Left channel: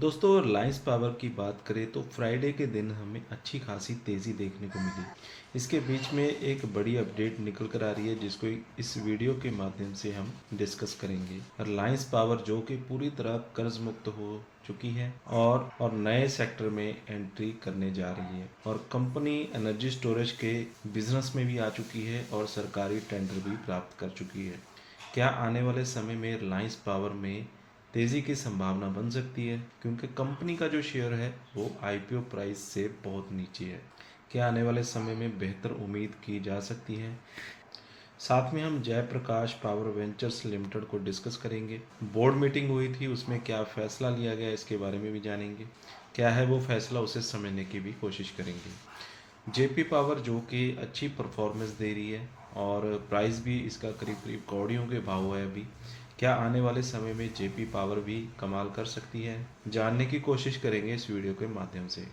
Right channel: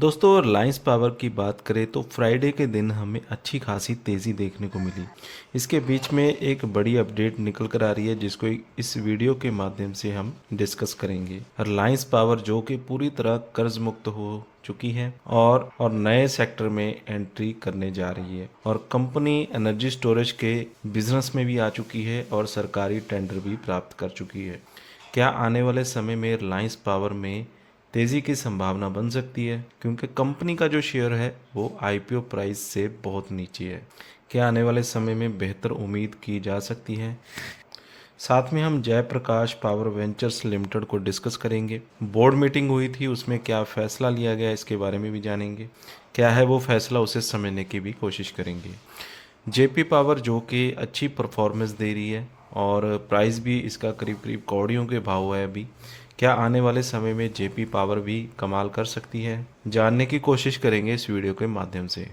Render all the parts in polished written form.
दोस्तों रिलायंस पावर की बात करें तो फ्राइडे के दिन हमें अच्छी खासी तेज़ी देखने को मिली। इसके बीच में एक बड़ी अपडेट निकल कर आ रही है जिसको इस वीडियो के माध्यम से हम डिस्कस करेंगे। रिलायंस पावर जो कि पूरी तरह कर्ज मुक्त हो चुकी है और नए सेक्टर में एंट्री करने जा रही है और कंपनी एनर्जी स्टोरेज के बिजनेस में भी आ चुकी है और सरकारी टेंडर भी प्राप्त कर चुकी है। क्या आने वाले समय में रिलायंस पावर में तेज़ी की संभावना बन सकती है, क्योंकि कंपनी का जो शेयर है वो आईपीओ प्राइस से बहुत नीचे है। क्या आने वाले समय में बेहतर उम्मीद की जा सकती है। साथ में हम जयप्रकाश पावर वेंचर्स लिमिटेड को डिस्कस करेंगे। बोर्ड मीटिंग हुई थी, उसमें क्या फैसला लिया गया इसके बारे में भी जानेंगे। क्या है वो फैसला, उसे समझने की भी कोशिश करेंगे। जेपी पावर जो कि अच्छी परफॉर्मेंस दे रही है और प्राइस भी इसका करीब करीब कौड़ियों के भाव है अभी। क्या आने वाले समय में जेपी पावर भी कमाल कर सकती है, जानने की कोशिश करेंगे इस वीडियो के माध्यम से।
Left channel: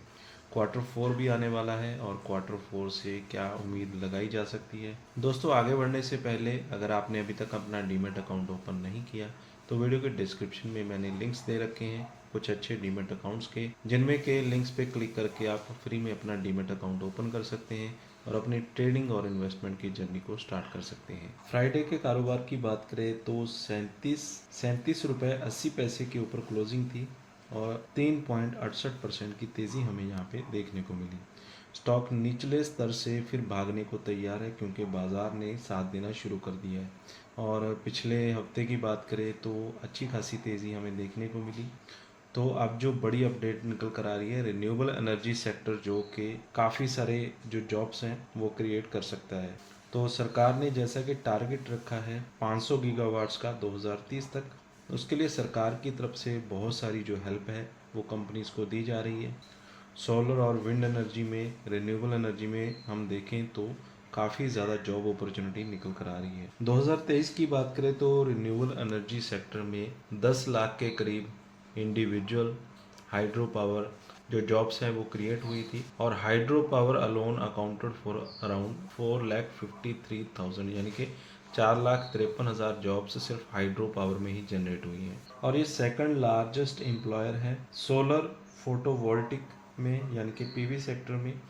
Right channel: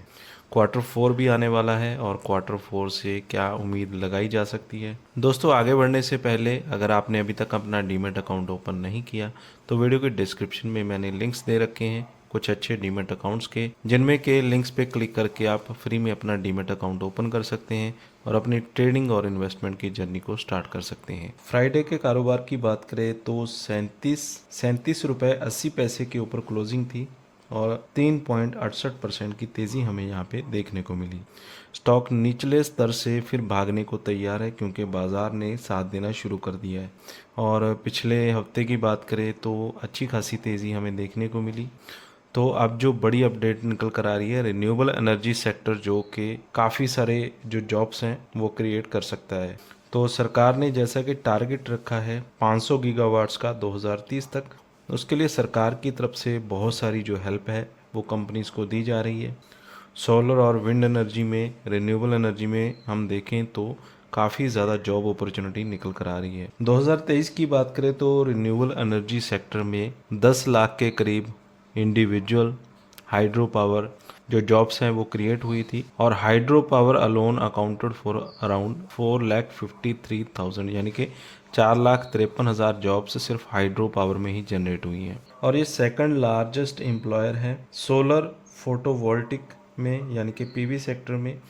क्वार्टर फोर भी आने वाला है और क्वार्टर फोर से क्या उम्मीद लगाई जा सकती है। दोस्तों आगे बढ़ने से पहले अगर आपने अभी तक अपना डीमैट अकाउंट ओपन नहीं किया तो वीडियो के डिस्क्रिप्शन में मैंने लिंक्स दे रखे हैं कुछ अच्छे डीमैट अकाउंट्स के, जिनमें के लिंक्स पे क्लिक करके आप फ्री में अपना डीमैट अकाउंट ओपन कर सकते हैं और अपनी ट्रेडिंग और इन्वेस्टमेंट की जर्नी को स्टार्ट कर सकते हैं। फ्राइडे के कारोबार की बात करें तो 37 रुपये 80 पैसे के ऊपर क्लोजिंग थी और 3.68% की तेज़ी हमें यहाँ पे देखने को मिली। स्टॉक निचले स्तर से फिर भागने को तैयार है क्योंकि बाज़ार ने साथ देना शुरू कर दिया है और पिछले हफ्ते की बात करें तो अच्छी खासी तेज़ी हमें देखने को मिली। तो अब जो बड़ी अपडेट निकल कर आ रही है, रिन्यूएबल एनर्जी सेक्टर जो कि काफ़ी सारे जो जॉब्स हैं वो क्रिएट कर सकता है। तो सरकार ने जैसा कि टारगेट रखा है 500 गीगावाट्स का 2030 तक, उसके लिए सरकार की तरफ से बहुत सारी जो हेल्प है वो कंपनीज को दी जा रही है। सोलर और विंड एनर्जी में, रिन्यूएबल एनर्जी में हम देखें तो काफ़ी ज़्यादा जॉब अपॉर्चुनिटी निकल कर आ रही है। 2023 की बात करें तो रिन्यूएबल एनर्जी सेक्टर में 10 लाख के करीब इंडिविजुअल हाइड्रो पावर जो जॉब्स हैं वो क्रिएट हुई थी और hydro power alone accounted for around 4,53,000, यानी कि 4,53,000 जॉब्स सिर्फ हाइड्रो पावर में ही जनरेट हुई हैं और ये सेकंड लार्जेस्ट एम्प्लॉयर है सोलर फोटोवोल्टिक में, यानी कि पीवी सेक्टर में।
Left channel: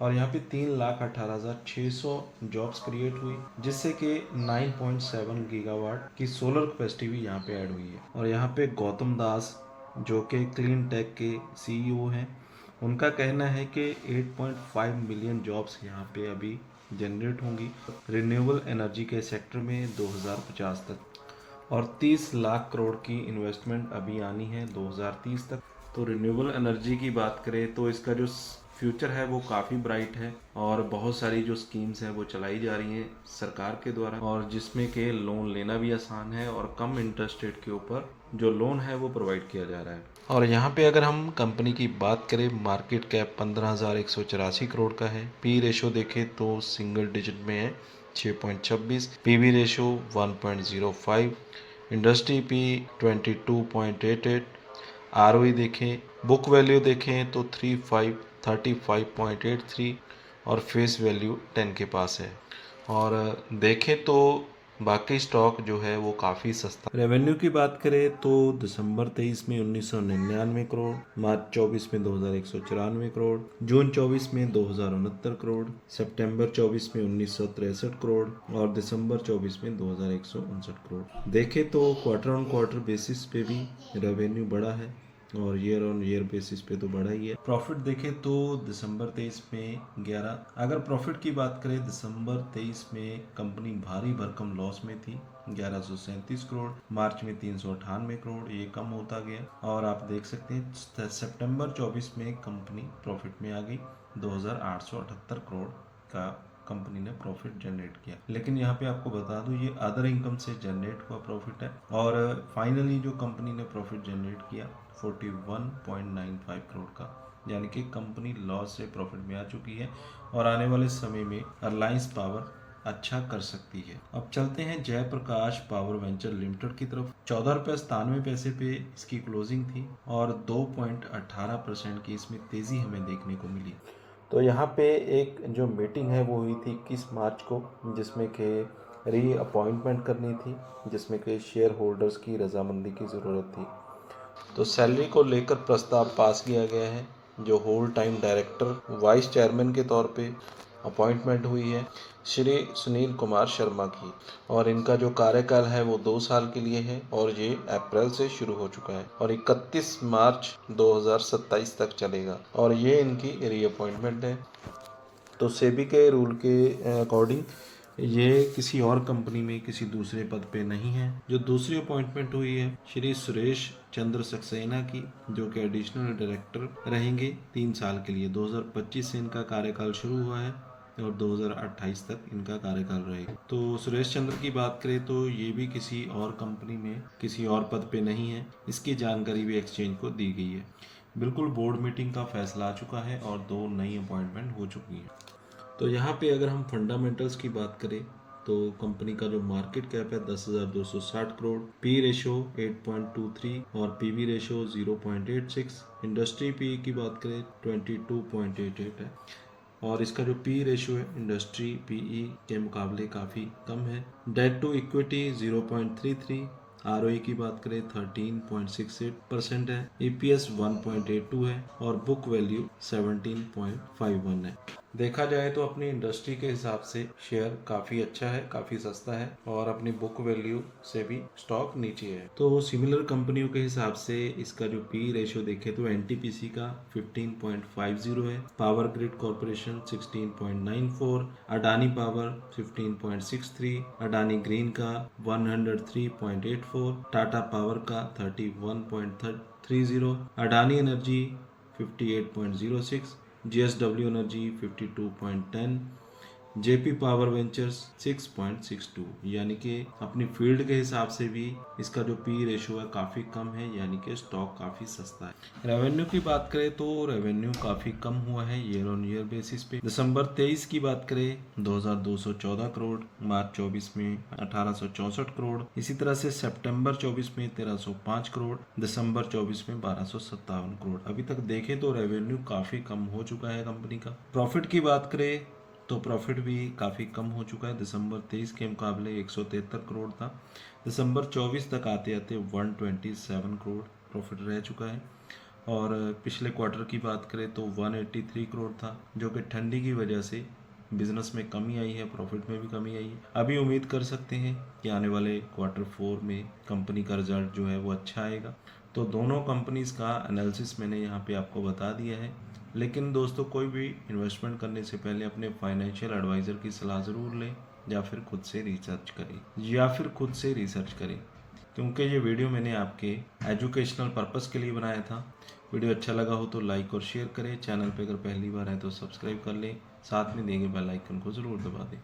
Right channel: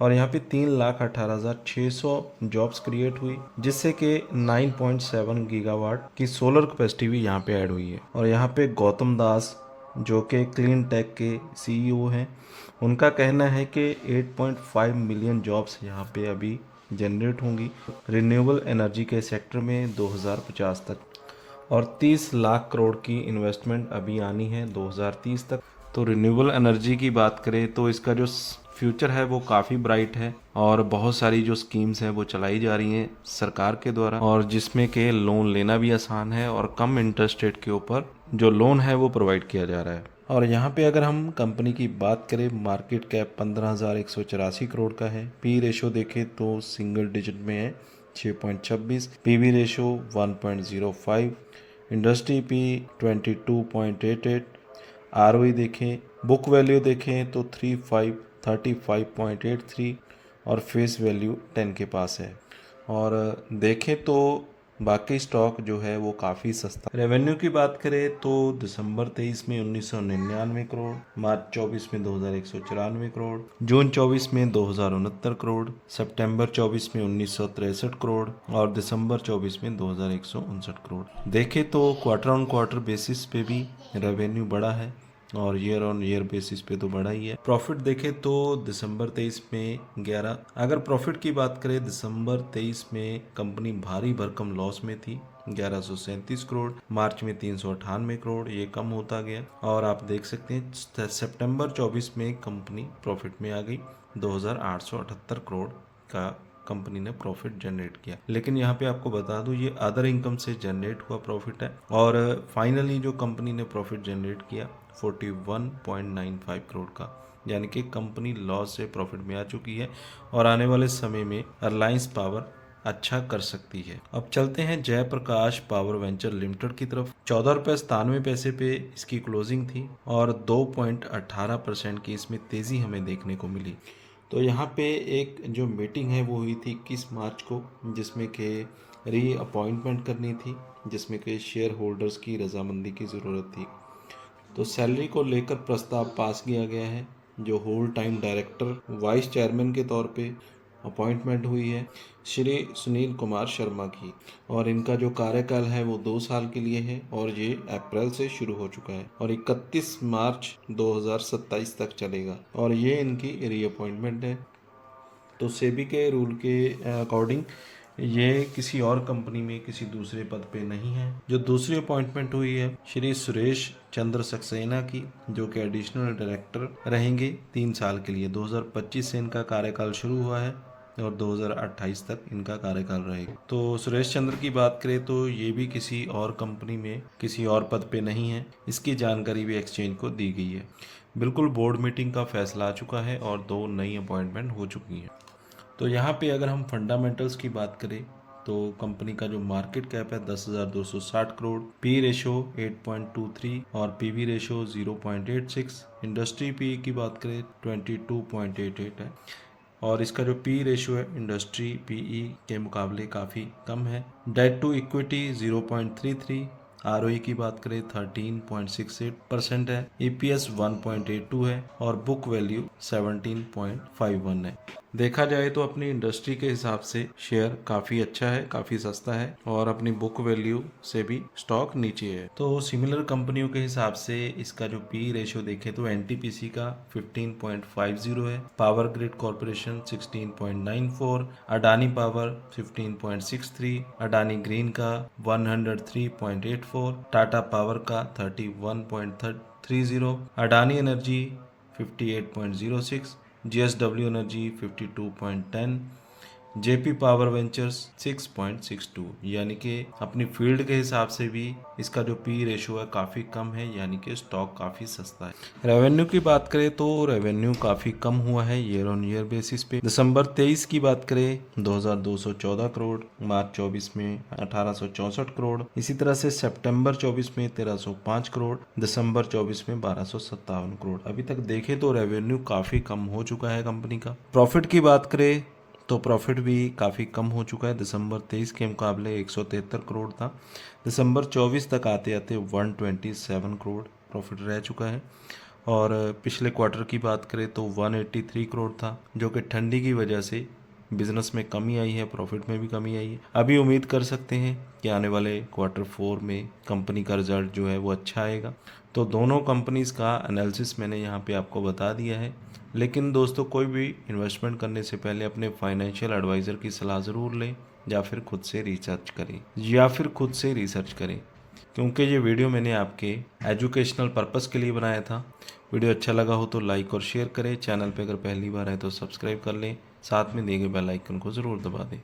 और यहाँ पे 3,18,600 जॉब्स क्रिएट हुई जिससे कि 9.7 गीगावाट की सोलर कैपेसिटी भी यहाँ पे ऐड हुई है। और यहाँ पे गौतम दास जो कि क्लीन टेक के सीईओ हैं, उनका कहना है कि 8.5 मिलियन जॉब्स यहाँ पे अभी जनरेट होंगी रिन्यूएबल एनर्जी के सेक्टर में 2050 तक और 30 लाख करोड़ की इन्वेस्टमेंट अभी आनी है 2030 तक। तो रिन्यूएबल एनर्जी की बात करें तो इसका जो फ्यूचर है वो काफ़ी ब्राइट है और बहुत सारी जो स्कीम्स हैं वो चलाई जा रही हैं सरकार के द्वारा और जिसमें के लोन लेना भी आसान है और कम इंटरेस्ट रेट के ऊपर जो लोन है वो प्रोवाइड किया जा रहा है। और यहाँ पे अगर हम कंपनी की बात करें, मार्केट कैप 15,184 करोड़ का है। पी रेशो देखें तो सिंगल डिजिट में है 6.26, PV ratio 1.05, industry P 22.88, ROE देखें, बुक वैल्यू देखें तो 35.83 और फेस वैल्यू 10 के पास है। और देखें तो बाकी स्टॉक जो है वो काफ़ी सस्ता। रेवेन्यू की बात करें तो दिसंबर 23 में 1999 करोड़, मार्च 24 में 2,194 करोड़, जून 24 में 2,069 करोड़, सितंबर 24 में 1,963 करोड़ और दिसंबर 24 में 2,159 करोड़। देखें तो क्वार्टर ऑन क्वार्टर बेसिस पे भी रेवेन्यू बढ़ा है और ईयर ऑन ईयर बेसिस पे तो बढ़ा ही है। प्रॉफिट देखें तो दिसंबर 23 में 11, अगर प्रॉफिट की बात करें दिसंबर 23 में कंपनी भारी भरकम लॉस में थी 1137 करोड़, मार्च में 398 करोड़, ये कम होता गया और आप देख सकते हैं सितंबर 24 में कंपनी प्रॉफिट में आ गई 2,878 करोड़ का कंपनी ने प्रॉफिट जनरेट किया। लेकिन यहाँ पे आपको बता दूं ये अदर इनकम से जनरेट हुआ प्रॉफिट है और फाइनली जो कंपनी ने प्रॉफिट जनरेट किया 41.95 करोड़ का, यानी कि कंपनी लॉस से प्रॉफिट में आ चुकी है और आने वाले समय में रिलायंस पावर अच्छा कर सकती है। अब चलते हैं जयप्रकाश पावर वेंचर लिमिटेड की तरफ। 14 रुपये 97 पैसे पे इसकी क्लोजिंग थी और 2.18% की इसमें तेजी हमें देखने को मिली। तो यहाँ पे एक जो मीटिंग है वो हुई थी 21 मार्च को, जिसमें कि री अपॉइंटमेंट करनी थी, जिसमें कि शेयर होल्डर्स की रजामंदी की ज़रूरत थी। तो सैलरी को लेकर प्रस्ताव पास किया गया है। जो whole time director vice chairman के तौर पे अपॉइंटमेंट हुई है श्री सुनील कुमार शर्मा की, और इनका जो कार्यकाल है वो 2 साल के लिए है और ये अप्रैल से शुरू हो चुका है और 31 मार्च 2027 तक चलेगा और ये इनकी रीअपॉइंटमेंट है। तो सेबी के रूल के अकॉर्डिंग ये किसी और कंपनी में किसी दूसरे पद पे नहीं है। जो दूसरी अपॉइंटमेंट हुई है श्री सुरेश चंद्र सक्सेना की, जो कि एडिशनल डायरेक्टर रहेंगे 3 साल के लिए। 2025 से इनका कार्यकाल शुरू हुआ है और 2028 तक इनका कार्यकाल रहेगा। तो सुरेश चंद्र की बात करें तो ये भी किसी और कंपनी में किसी और पद पे नहीं है। इसकी जानकारी भी एक्सचेंज को दी गई है। बिल्कुल बोर्ड मीटिंग का फैसला आ चुका है और 2 नई अपॉइंटमेंट हो चुकी हैं। तो यहाँ पे अगर हम फंडामेंटल्स की बात करें तो कंपनी का जो मार्केट कैप है 10,260 करोड़, पी रेशो 8.23 और पीवी रेशो 0.86, इंडस्ट्री पी की बात करें 22.88 है और इसका जो पी रेशो है इंडस्ट्री पीई के मुकाबले काफ़ी कम है। डेट टू इक्विटी 0.33, आरओई की बात करें 13.68% है, ईपीएस 1.82 है और बुक वैल्यू 17.51 है। देखा जाए तो अपनी इंडस्ट्री के हिसाब से शेयर काफ़ी अच्छा है, काफ़ी सस्ता है और अपनी बुक वैल्यू से भी स्टॉक नीचे है। तो सिमिलर कंपनियों के हिसाब से इसका जो पी रेशियो देखें तो एनटीपीसी का 15.50 है, power grid corporation 16.94, Adani power 15.63, Adani green का 103.84, टाटा पावर का 31.30, Adani energy 58.06, JSW energy 52.10, JP power ventures 6.62, यानी कि अपनी फील्ड के हिसाब से भी इसका जो पी रेशो है काफ़ी कम है, यानी कि स्टॉक काफ़ी सस्ता है। रेवेन्यू की बात करें तो रेवेन्यू काफ़ी कम हुआ है ईयर ऑन ईयर बेसिस पे। दिसंबर 23 की बात करें 2214 करोड़, मार्च 24 में 1864 करोड़, इसी तरह से सितंबर 24 में 1305 करोड़, दिसंबर 24 में 1257 करोड़। अभी तक देखें तो रेवेन्यू काफ़ी कम हो चुका है कंपनी का। प्रॉफिट की बात करें तो प्रॉफिट भी काफ़ी कम हो चुका है। दिसंबर 23 के मुकाबले 173 करोड़ था, दिसंबर 24 तक आते आते 127 करोड़ प्रॉफिट रह चुका है। और पिछले क्वार्टर की बात करें तो 183 करोड़ था, जो कि ठंडी की वजह से बिजनेस में कमी आई है, प्रॉफिट में भी कमी आई है। अभी उम्मीद कर सकते हैं कि आने वाले क्वार्टर 4 में कंपनी का रिजल्ट जो है वो अच्छा आएगा। तो दोनों कंपनीज़ का एनालिसिस मैंने यहाँ पे आपको बता दिया है। लेकिन दोस्तों, कोई भी इन्वेस्टमेंट करने से पहले अपने फाइनेंशियल एडवाइज़र की सलाह ज़रूर लें या फिर खुद से रिसर्च करें क्योंकि ये वीडियो मैंने आपके एजुकेशनल पर्पस के लिए बनाया था। वीडियो अच्छा लगा हो तो लाइक और शेयर करें। चैनल पे अगर पहली बार है तो सब्सक्राइब कर लें, साथ में दिए गए बेल आइकन को ज़रूर दबा दें।